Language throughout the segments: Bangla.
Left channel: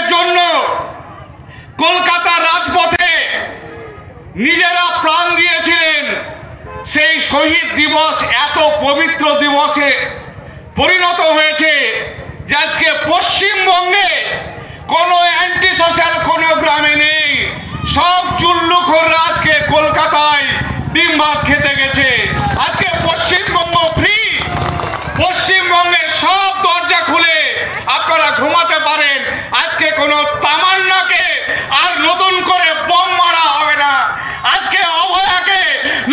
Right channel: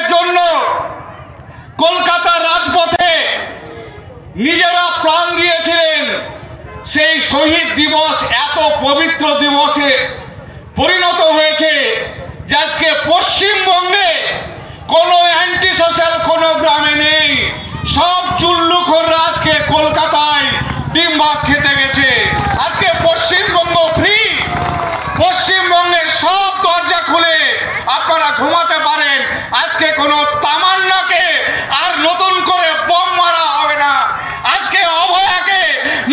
দেশের জন্য কলকাতার রাজপথে নিজেরা প্রাণ দিয়েছিলেন, সেই শহীদ দিবস এত পবিত্র দিবসে পরিণত হয়েছে যে আজকে পশ্চিমবঙ্গে কোনো অ্যান্টি সোশ্যাল কোনো গ্রামে নেই। সব চুল্লুখোররা আজকে কলকাতায় ডিম ভাত খেতে গেছে। আজকে পশ্চিমবঙ্গ ফ্রি, পশ্চিমবঙ্গের সব দরজা খুলে আপনারা ঘুমাতে পারেন। আজকে কোনো তামান্নাকে আর নতুন করে বম মারা হবে না, আজকে অভয়াকে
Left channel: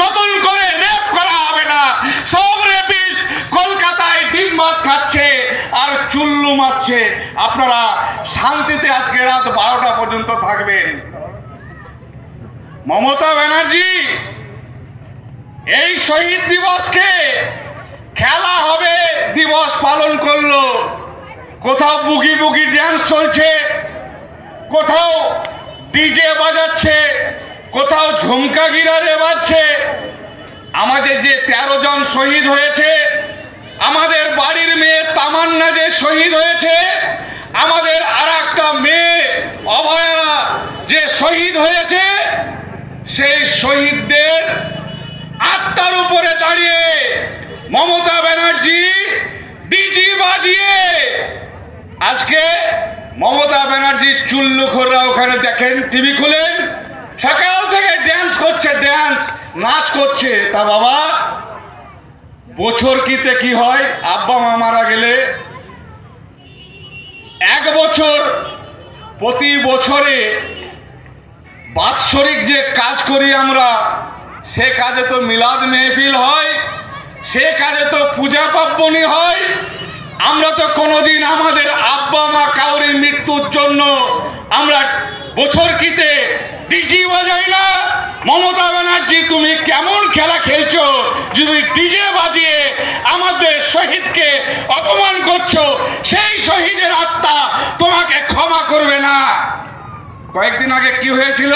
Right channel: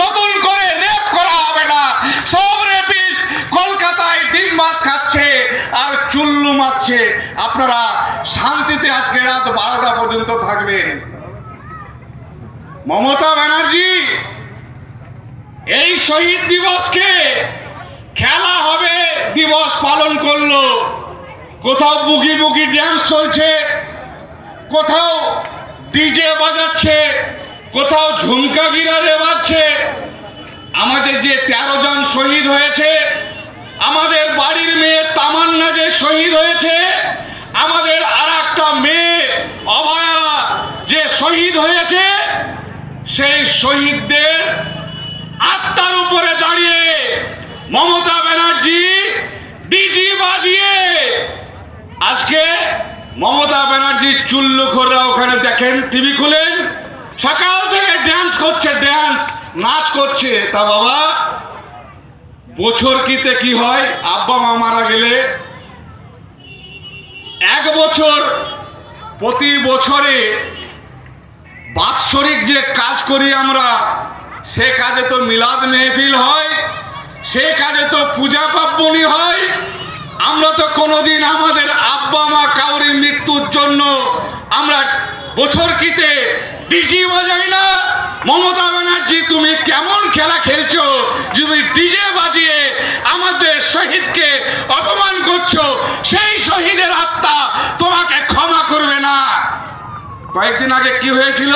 নতুন করে রেপ করা হবে না। সব রেপিস্ট কলকাতায় ডিম ভাত খাচ্ছে আর চুল্লু মারছে। আপনারা শান্তিতে আজকে রাত 12টা পর্যন্ত থাকবেন। মমতা ব্যানার্জি এই শহীদ দিবসকে খেলা হবে দিবস পালন করলো। কোথাও বুগি বুগি ড্যান্স চলছে, কোথাও ডিজে বাজাচ্ছে, কোথাও ঝুমকা গিরারে বাজছে। আমাদের যে 13 জন শহীদ হয়েছে, আমাদের বাড়ির মেয়ে তামান্না যে শহীদ হয়েছে, আমাদের আর একটা মেয়ে অভয়া যে শহীদ হয়েছে, সেই শহীদদের আত্মার উপরে দাঁড়িয়ে মমতা ব্যানার্জি ডিজি বাজিয়ে আজকে মমতা ব্যানার্জির চুল্লুখোররা ওখানে দেখেন, টিভি খুলেন, সকাল থেকে ড্যান্স করছে, ড্যান্স নাচ করছে। তা বাবা, বছর কিতে কি হয়? আব্বা মা মারা গেলে 1 বছর প্রতি বছরে বাৎসরিক যে কাজ করি আমরা, সে কাজে তো মিলাদ মেহফিল হয়, সে কাজে তো পূজা পার্বণী হয়। আমরা তো কোনোদিন আমাদের আব্বা মা কাউরির মৃত্যুর জন্য আমরা বছর কিতে ডিজি বাজাই না। মমতা ব্যানার্জি, তুমি কেমন খেলা খেলছো? তুমি ডিজে বাজিয়ে আমাদের শহীদকে অপমান করছো। সেই শহীদের আত্মা তোমাকে ক্ষমা করবে না। কয়েকদিন আগে কি হয়েছিল?